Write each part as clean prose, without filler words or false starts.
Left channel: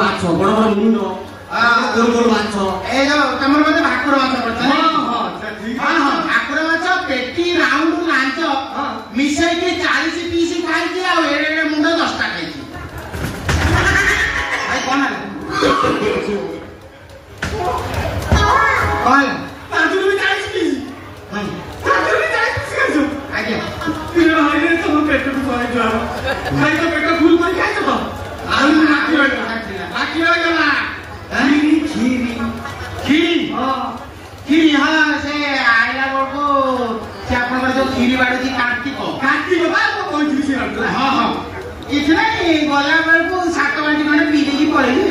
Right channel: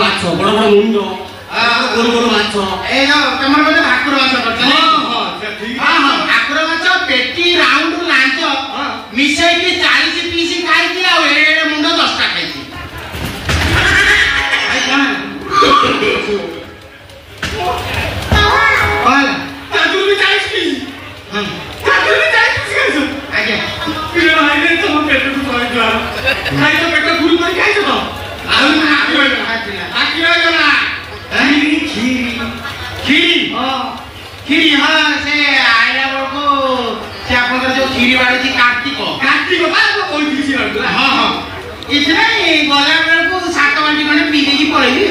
माछ बड़ बड़ मुंड गोल गोल माछ ए तमर मते भाकुर माछ पड़ता हां हां ठीक हां हां भाकुर माछ पेटी राउंड लांच मिसाई के 40 पीस खाई दिया ए मुंड 10 टा खाई आई कोन Hola. Aku lebih tahu sih. Aku lebih tahu sih kan? Aja. Bila hari ini kamu petu kuat jual. Hari itu petu guru kau kaya tu. Aku mana aku lagi mana? Kiri. Oh. Kiri हाँ से आया बोलो से आपन का जो खीरी वाले जी कार्तिक को बात को कोई खीरी से रखला हाँ हाँ इतना ही बोला मेरे को सात वाली मैंने पी की पड़ेगी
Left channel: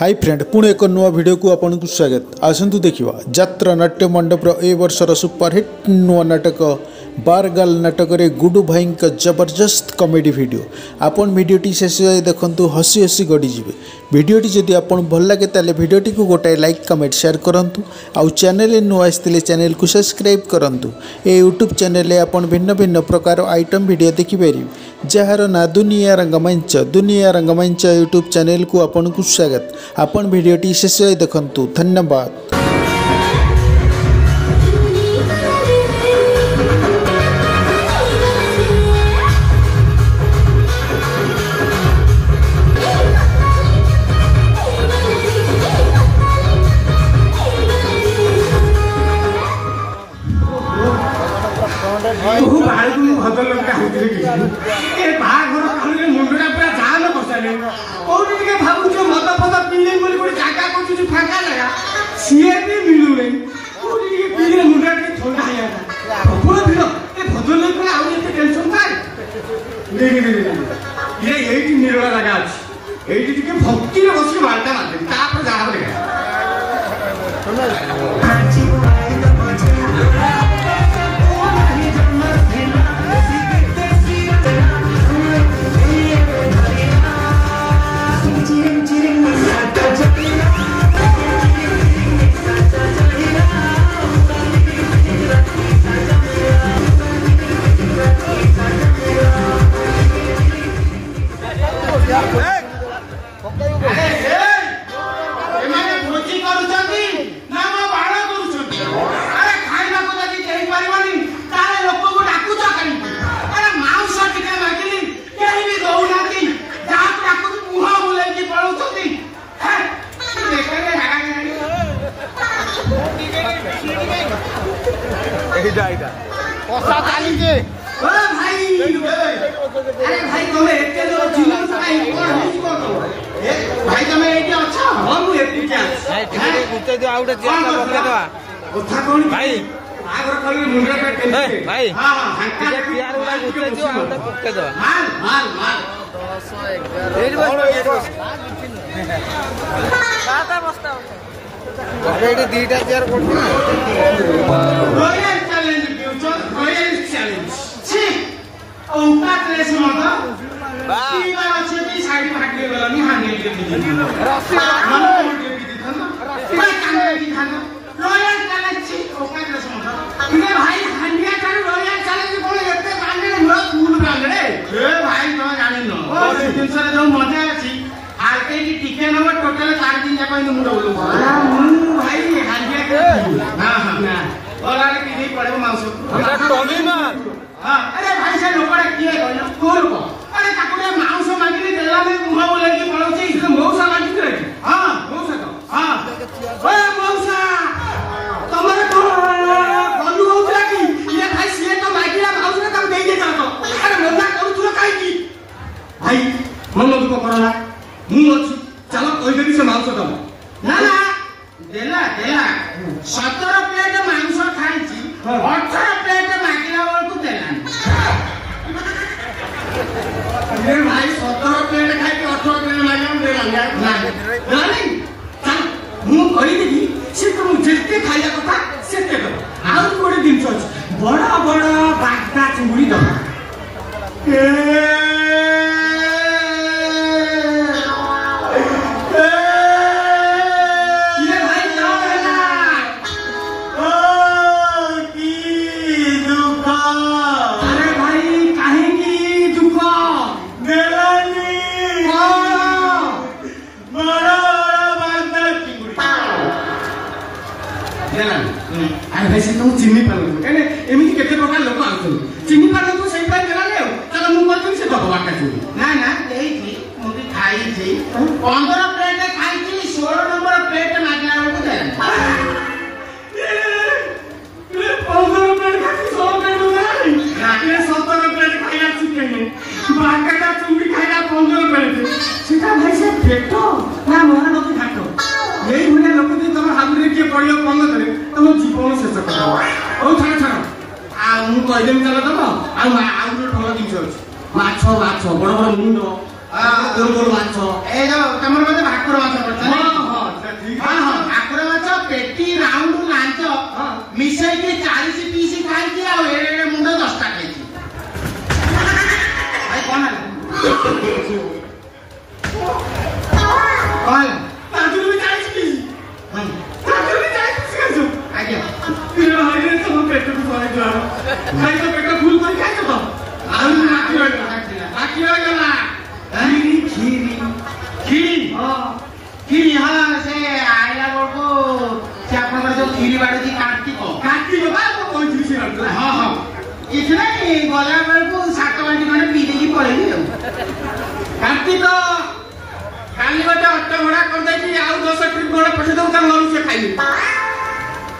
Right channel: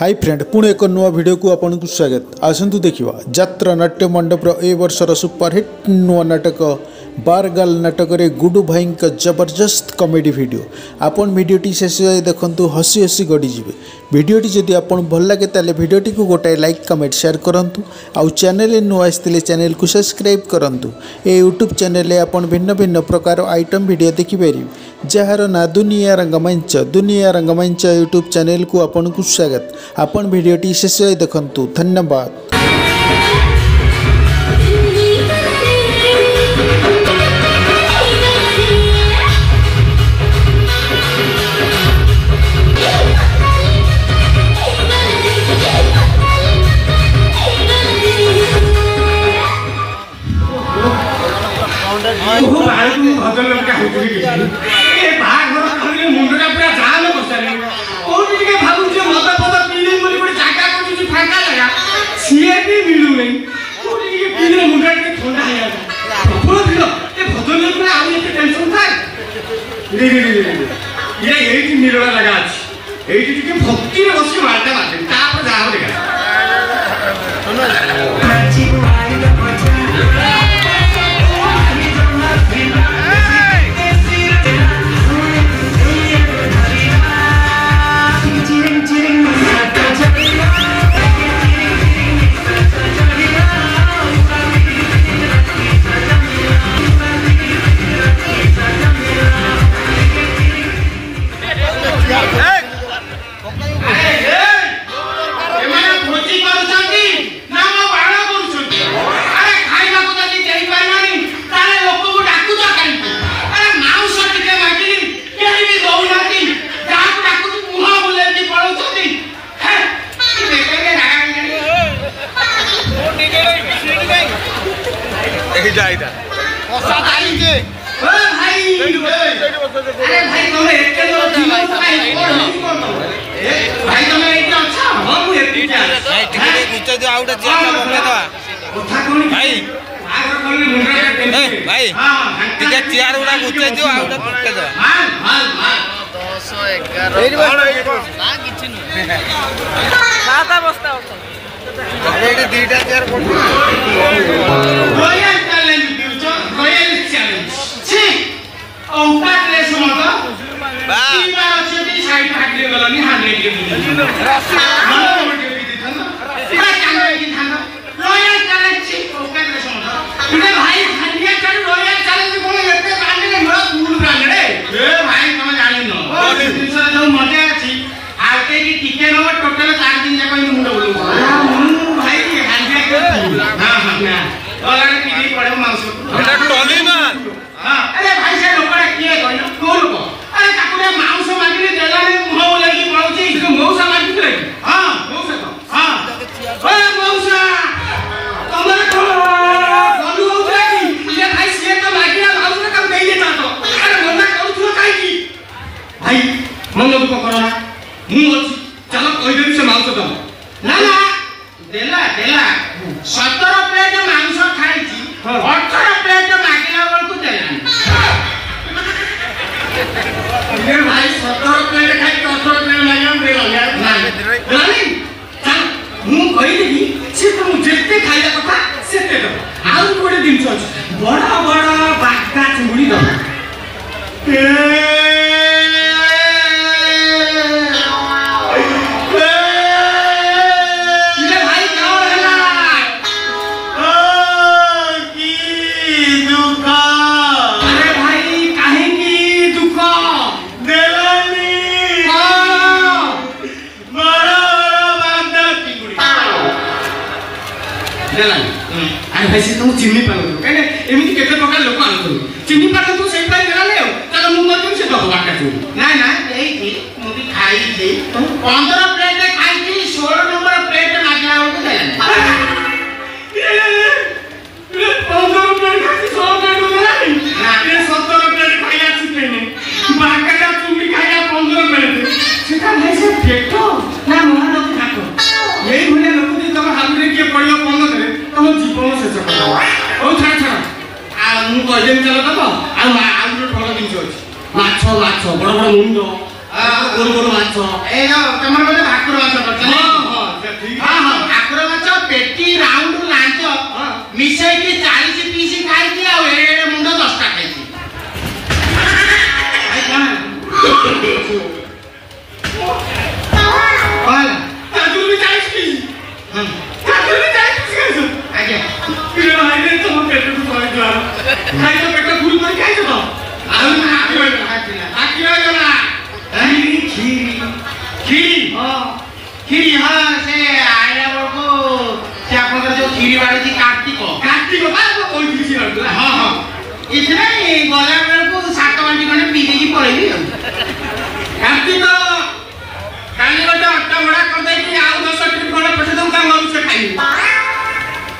हाय फ्रेंड पुणे एक नुआ वीडियो को आपन को स्वागत आसंतु देखिवा यात्रा नाट्य मंडपर ए वर्षर सुपरहिट नुआ नाटक बारगाल नाटक रे गुडू भाई का जबरदस्त कॉमेडी वीडियो आपन वीडियोटी शेष देखंतु हसी हसी गड़ी जिवे वीडियोटी जदि आपन भल लागे ताले वीडियोटी को गोटाए लाइक कमेंट शेयर करंतु आउ चैनल नुआ आस्तिले चैनल को सब्सक्राइब करंतु ए यूट्यूब चैनल रे आपन भिन्न भिन्न प्रकार आइटम वीडियो देखि पारिबे जहार ना दुनिया रंगमंच यूट्यूब चैनल को आपन को स्वागत आपन वीडियोटी शेष देखंतु धन्यवाद। भक्ति बस मारता जाइदा कोसा ताली के ओ भाई अरे भाई तुम एक के दो जीवन भाई भाई तुम एक अच्छा हम एक भाई टिके गुच्चा जो आउट चेक बंद दवा उठा कोन भाई आगर कोन मुंडा के भाई हां टिके चेयर उडा गुच्चा जो आउट पक्के दवा माल 211 कोन ना किछि न दादा बस्ता अरे दीटा चेयर royal challenge future royal challenge छी ओका ड्रेस मत बा की बार अछि कि साइड फाटले गलनी 100 के मन मोटे की दिथन पूरा कांगे की थान रॉयल चैलेंज छी ओका ड्रेस मत इने भाई हंडिया कर रॉयल चैलेंज बोले एते कांगे मोर फूल ब्रांड रे ए भाई तुम जानि न ओ दिन से जो मजे अछि आके की टिके न टोटल 4 दिन जाक इन मुंड बोलू भाई हंडिया के हां हां और टीवी पड़े मांस एटा टोली ना हां अरे भाई से लोकड़ा किए कहन कोन को अरे ताकुरे मांस मांगली देला ने मुह बोलकी पड़ौची इसको मौसा मांगली रे हां मौसा हां ओए मौसा तमरे को बोलू मौसा की ये भाई से का मागिया मौसा काम नहीं दे जातो अरे मौसा करू तू काई की भाई मन को करना मु अछि चलो कहि देबी से मांस दम ना ना देला 17 प्लेट मांस खाइची 18 प्लेट मागिला वाल को देला ये भाई 17 प्लेट खाइ 18 प्लेट मागिला देला नहीं मु कहि देबी से तुम जेते खाइला कथा सेते दो आउ कोडे दिन छ बड़ा बड़ा बागदा चुंगली दो ସବୁ ଚିହ୍ନି ପାରନ୍ତୁ କାହିଁକି ଏମିତି କେତେ ପ୍ରକାର ଲୋକ ଆସୁଛନ୍ତି ଚିହ୍ନି ପାରନ୍ତୁ ସେଇଥିପାଇଁ ଦେଲାନି ଆଉ ତାହେଲେ ମୁଁ କହିଥିଲି ସେ ଦବ ବାଟା ଚୁରି ନା ନା ଦେଇଛି ମୁଁ ବି ଖାଇଛି 15 ପ୍ଲେଟ ଖାଇଛି 16 ନମ୍ବର ପ୍ଲେଟ ମାଗିଲା ବେଳକୁ ଦେଲାନି 15 ପ୍ଲେଟ ଖାଇଛି 16 ପ୍ଲେଟ ଦେଲାନି ନା 17 ପ୍ଲେଟ ଖାଇଲା ଚିକେନ ବାଟା ଚୁରି ଖାଇଲା 15 ପ୍ଲେଟ ସେଟା ଭାଇ ସେ ପେଟ ନା ମହାନଦୀ ଘାଟ ଏଇ ଭଳିଆ ଲୋକ ଯଦି ତମ ହାବୁଡରେ କିଏ ପଡ଼ିବ ପନ୍ଦରରେ ତମ ଜୀବନ ଶେଷ କରିବ ହଉ ଛାଡ଼ ଛାଡ଼ ଆଉ ମୁଁ କହିଦେବି ଚାଲ ଦବ ଆଉ ଗୋଟେ ଭଲ ଜିନିଷ ଅଛି ମାଛ ମାଛ ବଡ଼ ବଡ଼ ମୁଣ୍ଡ ଗୋରୁ ଗୋରୁ ମାଛ ଏ ତମର ବୋଧେ ଭାକୁର ମାଛ କରିଛ ହଁ ହଁ ଠିକ ହଁ ହଁ ଭାକୁର ମାଛ ପେଟି ରାଉଣ୍ଡ ଲାଞ୍ଚ ମିଶେଇକି 40 ପିସ୍ ଖାଇଛି ଆଉ ଏଡ଼େ ମୁଣ୍ଡ 10ଟା ଖାଇଛି ଭାଇ କଣ ହେଲା ତାଜୁଲ ବି 40 ପିସ୍ ହଁ ତାଜୁଲ ବି 40 ପିସ୍ ଖାଇଛୁ ଆଜ୍ଞା ପିଲା ଭାଇରେ ତମ ପେଟକୁ କହିଦେବା ଖାଇଛ ପେଟ ଫୁଲ କରି ଖାଇଛ ତ ଆଉ ହାକି ହୋଇଗଲା କ୍ଷୀରି କ୍ଷୀରି ହଁ ସେ ଆଇଲା ବେଳକୁ ସେ ଆପଣଙ୍କର ଯୋଉ କ୍ଷୀରି ବାড়ିଛି କାର୍ତ୍ତିକ ବା କହିଥିଲି ସେ ରଖିଲା ହଁ ହଁ କିଛି ନାହିଁ ଗଲା ବେଳକୁ 7 ବାଟି ଖଣ୍ଡେ ପିଇ ଦେଇକି ପଳେଇବି ଆଉ କାର୍ତ୍ତିକ କାଲି ଗୋଟେ ଅଟା ଭଡ଼ା କରିଦେଇକି ଆଉ 10 ଟ୍ରିପ୍ ଭଡ଼ା ପଛେ ତ ତା ନରୁ ସେ ଖାଇବି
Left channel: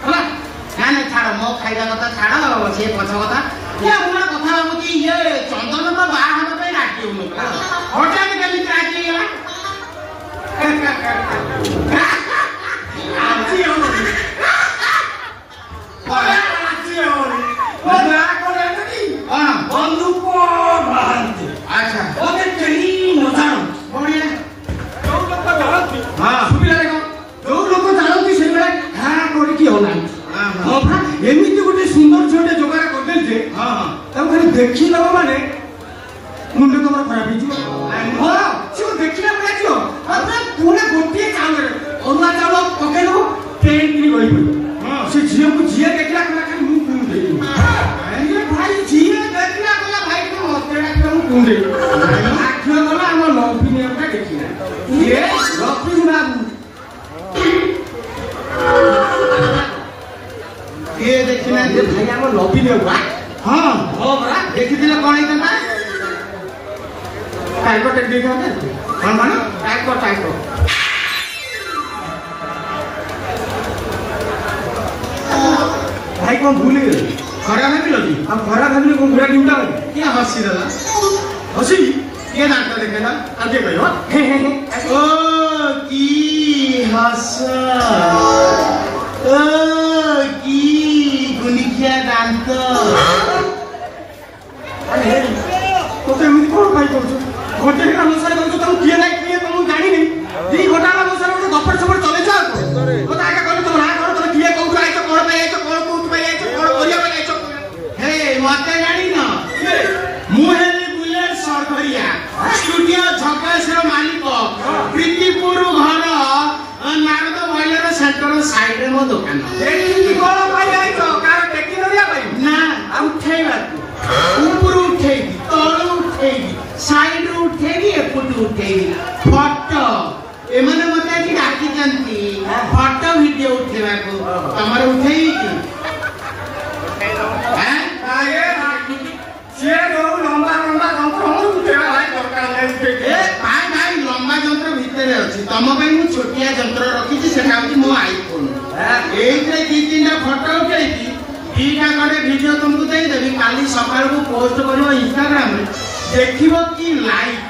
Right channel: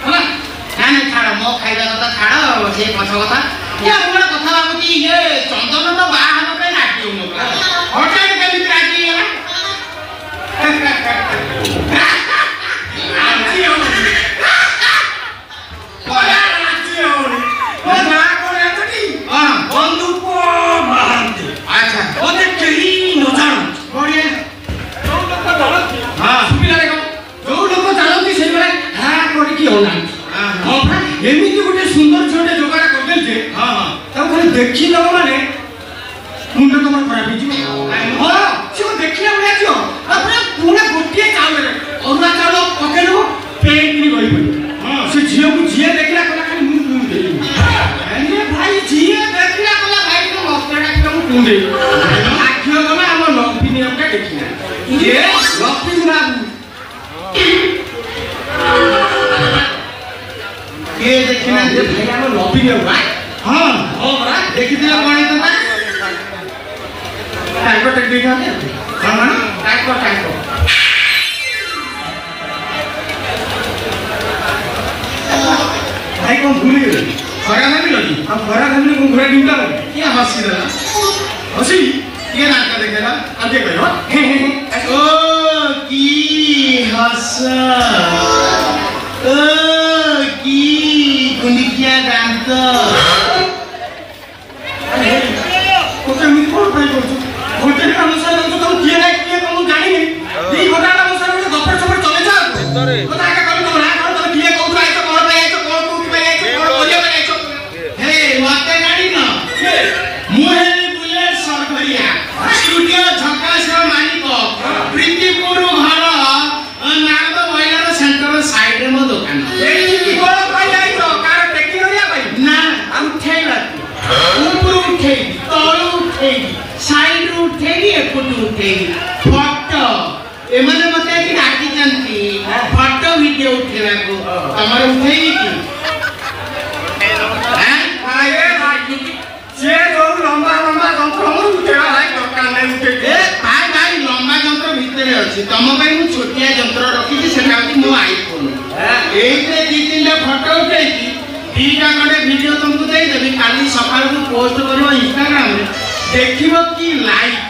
ହେଲା ନା ନା ଛାଡ଼ ମୋ ଖାଇବା କଥା ଛାଡ଼ ସେ ପଛ କଥା ଇଏ ମୁଁ ଗୋଟେ କଥା ଭାବୁଛି ଇଏ ଚନ୍ଦନର ବାହା ହେବା ପାଇଁ ରାଜି ହଉନଥିଲା ହଠାତ୍ କେମିତି ରାଜି ହେଇଗଲା ଆଜି ହଉନି ଆଜି ହଉନି ମୋ ମା କଣ ଏମିତି ହଁ ବନ୍ଧୁକ ବାହାନ୍ତି ଆଚ୍ଛା ମୋତେ କେହି ନ ଜାଣନ୍ତି ବଢ଼ିଆ ଯୋଉ ଲୋକ ଜାଣନ୍ତି ହଁ ସୁବିଧା ଦେଖ ଯୋଉ ଲୋକ ଜାଣନ୍ତି ସେଇଭଳିଆ ହା କରିକି ହଉନାହାନ୍ତି ହଁ ପରା ଏମିତି ଗୋଟେ ସୁନ୍ଦର ଝିଅଟେ ଯୋଗାଡ଼ କରିଦେଲି ଯେ ହଁ ହଁ ତାକୁ ଖାଲି ଦେଖିଦବ ମାନେ ମୁଣ୍ଡ ତମର ଖରାପ ହେଇଯିବ ହଁ ସେ ଦେଖିଲା ଭଳିଆ ଝିଅ ତାପରେ ପୁରା ଗୋଟିଏ ଚାଉଳରେ ଅରୁଆ ଚାଉଳ ପକେଇଦେବ ପେଇକିରି ଗଳି ପଡ଼ିବ ସେ ଝିଅକୁ ଯିଏ ଦେଖିଲା କହିଲା ଖାଲି ମୁଁ କୁଣ୍ଡେଇ ଭାଇ ଯିଏ ଦେଖିଲା କହିଲା ଭାଇ ତୁ ମତେ ଡାକିଲା ମୁଁ କୁଣ୍ଡେଇ ଆଖିଅ ଗଲା ଆମ ଲକ୍ଷ୍ମୀ ଆମଟା ଦେଖିଲା ଇଏ ଲକ୍ଷ୍ମୀ ବାବୁ କିଏ ଦେଖିନାହାନ୍ତି ଭାଇ ଆମ ଲକ୍ଷ୍ମୀ ବାବୁ ହଁ ହଁ ପରା ଦେଖିଥିଲେ କଣ ହେଇଥାନ୍ତା ତାଙ୍କ ଟେକ୍ନିକ୍ ଆମେ କଣ ମାନେ ତାଙ୍କ ଭାଇ କଣ ଭୁଲିଗଲେ ଖରା ଭାବିଲ କି ଆଉ ଖରା ଭାବିଲି କଣ ଘୋଡ଼ା ଡିଉଟା ଗଲେ କିଏ ହସିଦେଲା ହସି କିଏ ନାଟ ଦେଖେଇଲା ଆଉ କିଏ କହିବ ଓ କି ହସ ଓ କି ଗୁଣ୍ଡିକିଆ ଦାନ୍ତ ତତେ ଏମିତି କଣ ପାଇଁ କରୁଛୁ ଗୋଟେ କାମ ସାରା ଦଉଛୁ ତମ କିଏ ନା କିଏ ତମ ଜାଣିନି ଦି ଘଣ୍ଟା କାମ ସାରା ଗୋଟେ ଗପର ସପର ଚଲେଇଛ ଆଉ କଥା ଏକା କହିଲି ତମ ନା କଣ ତମେ କିଏ କୋଉଠୁ ଆଇଛ କଣ ପାଇଁ ଆଇଛ କଣ କୋଉଠି ପାଇଁ ଆଇଛ କଣ କରିବା ପାଇଁ ଆଇଛ ହେ ମତେ ଜାଣିନ କିଏ ମୁଁ ହେଲି ବୁଲେଟ୍ ସରକରିଆ ଷ୍ଟୁଡିଓ ଝକାସର ମାଲିକ ପ୍ରୀତିପୁର ଘର ନାରଦ ମହିଳାର ସେଣ୍ଟର ସାଇଡରେ ମୋ ଦୋକାନ ଏଇଠି କଣ ପାଇଁ ଆଇଛ କାର ଟେକି ନଡ଼ିଆ ପାଇଁ ନା ଉଠେଇବାକୁ ଉପରୁ ଉଠେଇବି ତଳୁ ଉଠେଇବି ସାଇଡରୁ ଉଠେଇବି ଏପଟୁ ଉଠେଇବି ଫଟୋ ଏମାନେ ମତେ ଏଠି ଡାକିଛନ୍ତି ଫଟୋ ଭିଡିଓ ଉଠେଇବାକୁ ତମର ଉଠେଇବି କି ସିଏ ଯୋଉ ଲମ୍ବା ଲମ୍ବା ଯନ୍ତ୍ର ଉଠେଇବା ଭାଇ ଦରକାର ନାହିଁ ଏ ଭାଇ ଭାଇ ଲମ୍ବା ଯନ୍ତ୍ର ଭିତରେ ଅଛି ତମ ପାଇଁ ମୁଁ ଛୋଟିଆ ଯନ୍ତ୍ର ରଖିଛି ସେଟା ହଉଛି ମୋ ଆଇଫୋନ ଏଇଥିରେ 2-3ଟା ଫଟୋ ଉଠେଇକି 2ଟା ଖଣ୍ଡେ ଭିଡିଓ ତମକୁ ଦେଇଦେବି କାଲି ସକାଳକୁ ପୋଷ୍ଟ କରିବ ଇନଷ୍ଟାଗ୍ରାମରେ ଦେଖିବ କି ଲାଇକ୍